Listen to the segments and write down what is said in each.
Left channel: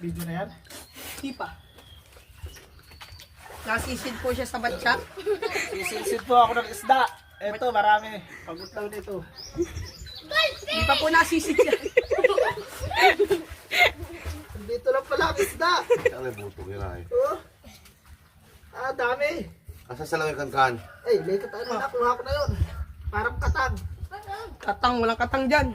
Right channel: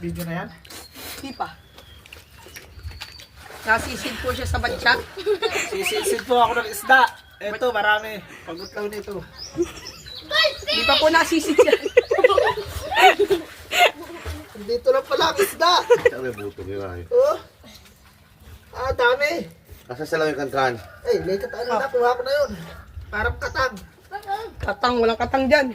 Video na yan? Di pa. Nasisid po siya sa batya. Sisid po ako ng isda. Ito, marami. Pagutlaw nito. Di pa po nasisid siya. Dito lang pala ang isda. Sabi buto nila eh. Oh. Ah, dami. Kasi sa lang yung kankan. Ay, lekat ano na, kuha ko na yun. Parang katang. Katang, walang katang dyan.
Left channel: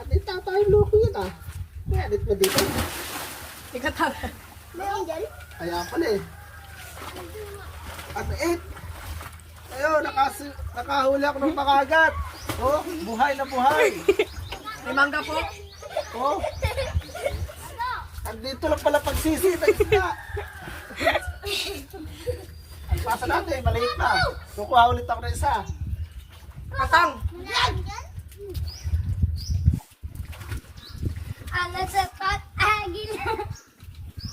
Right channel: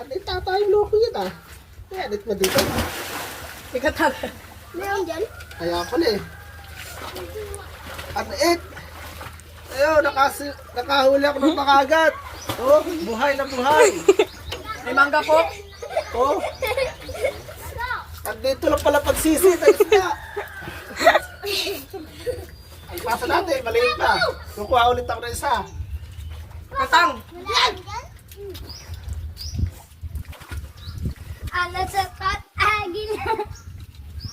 Anit na tayong loko yun ah. May anit mo dito. May katang. Kaya pala eh. Anit. Ayun, nakahuli ako ng makagat. Oh, buhay na buhay. May mangga po. Oh. Andito lang pala pagsisid ng isda. Alpasa natin, maliit pa. Kukuha ulit ako ng isa. Katang.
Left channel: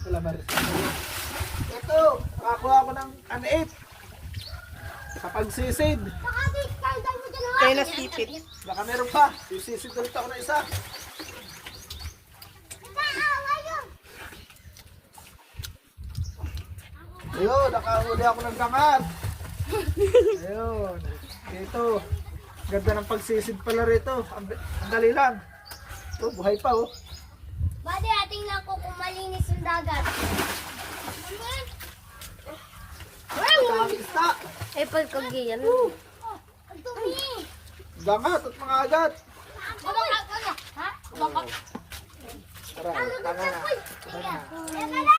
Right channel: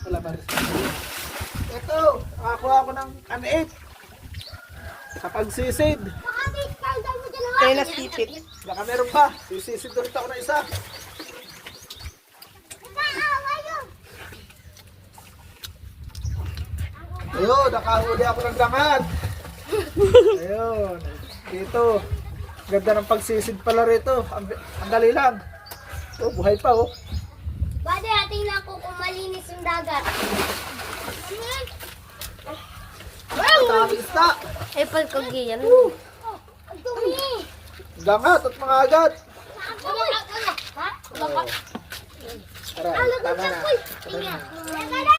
Wala ba rin? Ito, nakakuha ako ng an-8. Sa pagsisid. Kaya nasipit. Baka meron pa. Sisisid ulit ako ng isa. Ayun, nakahuli ako ng gamat. Ayun. Dito. Ganda ng pagsisid pala rito. Ang dali lang. Oh, buhay pa oh. Bade, ating na ako kung malinis yung dagat. Ang dami isda. Ay, pagkagiyan. Gamat at mga agat. Ha? Tara, tama na.